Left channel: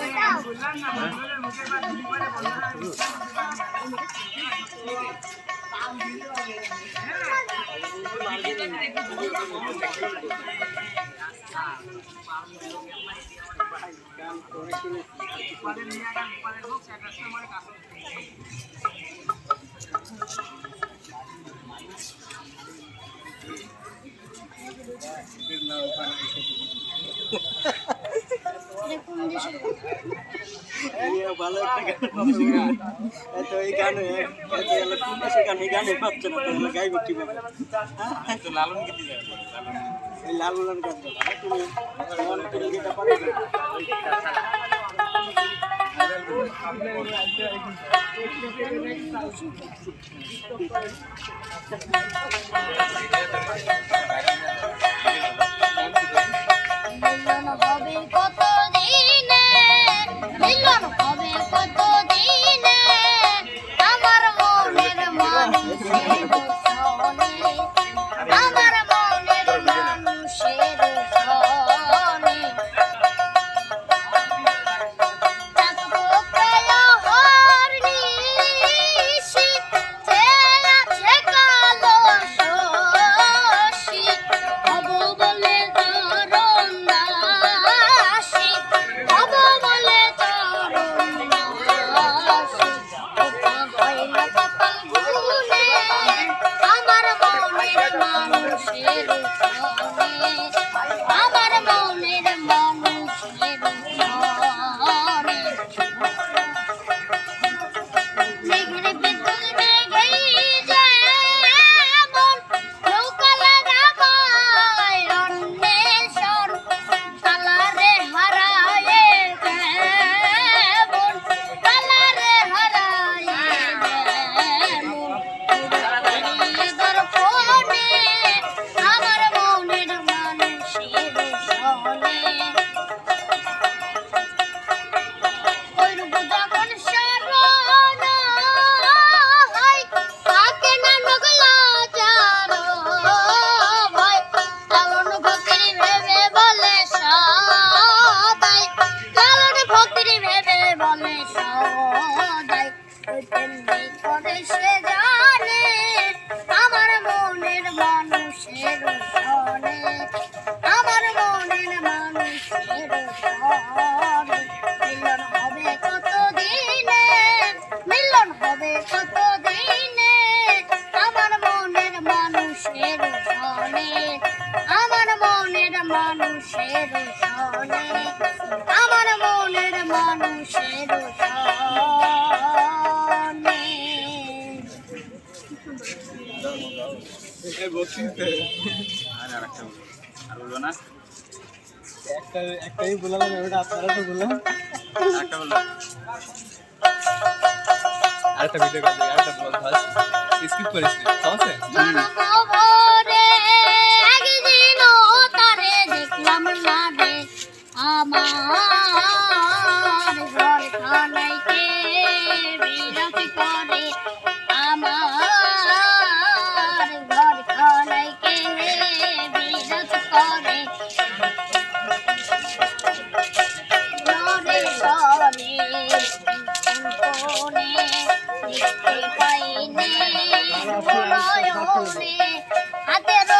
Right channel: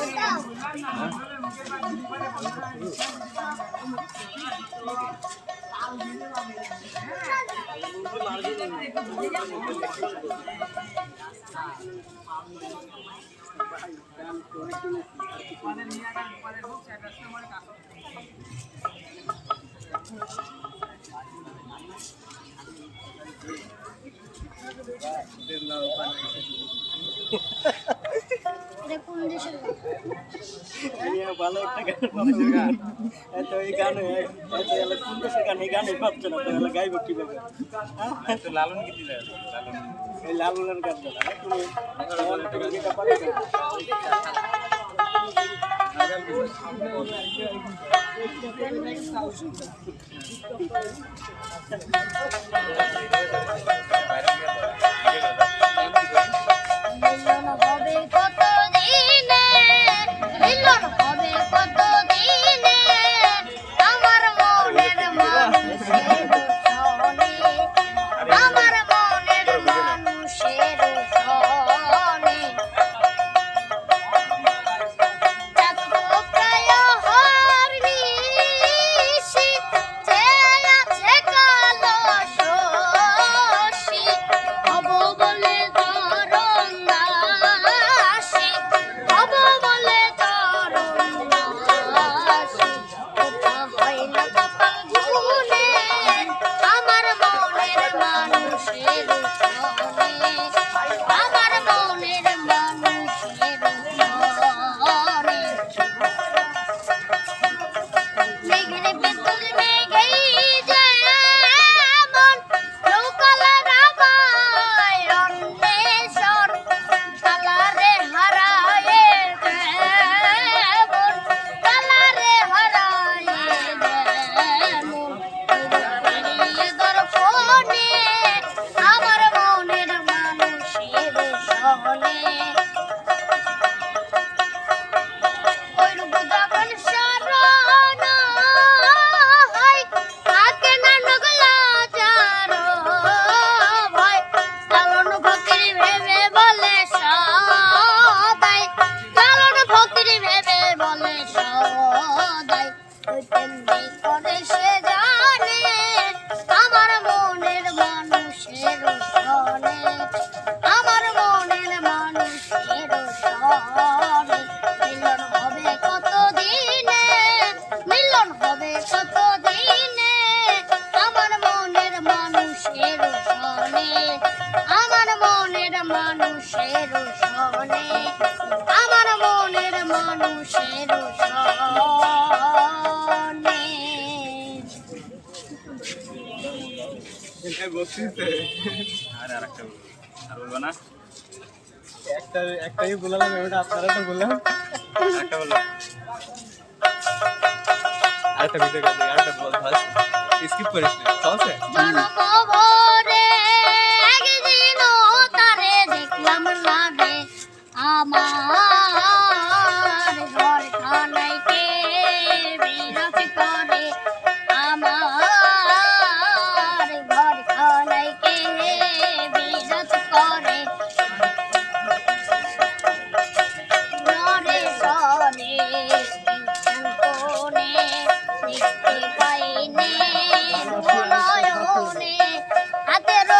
ওটা ওটা না দাও এটা ভালো একটা গান পাবে। এত এই গানে এত এলা কোন দেশের গান এই গানে পাচ্ছে না তো এলা গাইব কীভাবে? হ্যাঁ? তো লালন গীতি যায় লালন এই লাল লাল গান গালা তুমি তুমি যেটা পারো? মানুষের সনে আমার মনের মানুষের সনে আমার মনের মানুষের বলব। একটা একটাই বললাম ওটা আপনারা তো বললাম আরেকটা ভিডিও কাজ আরেকটা বল ভাস স্কিপ করিস আছে? আমার নয়নে হাতেরও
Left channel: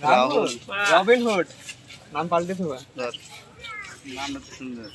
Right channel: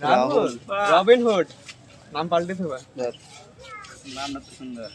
রাহুল। Robin Hood. নাম পাল্টে দেবা। নামটা তো সুন্দর।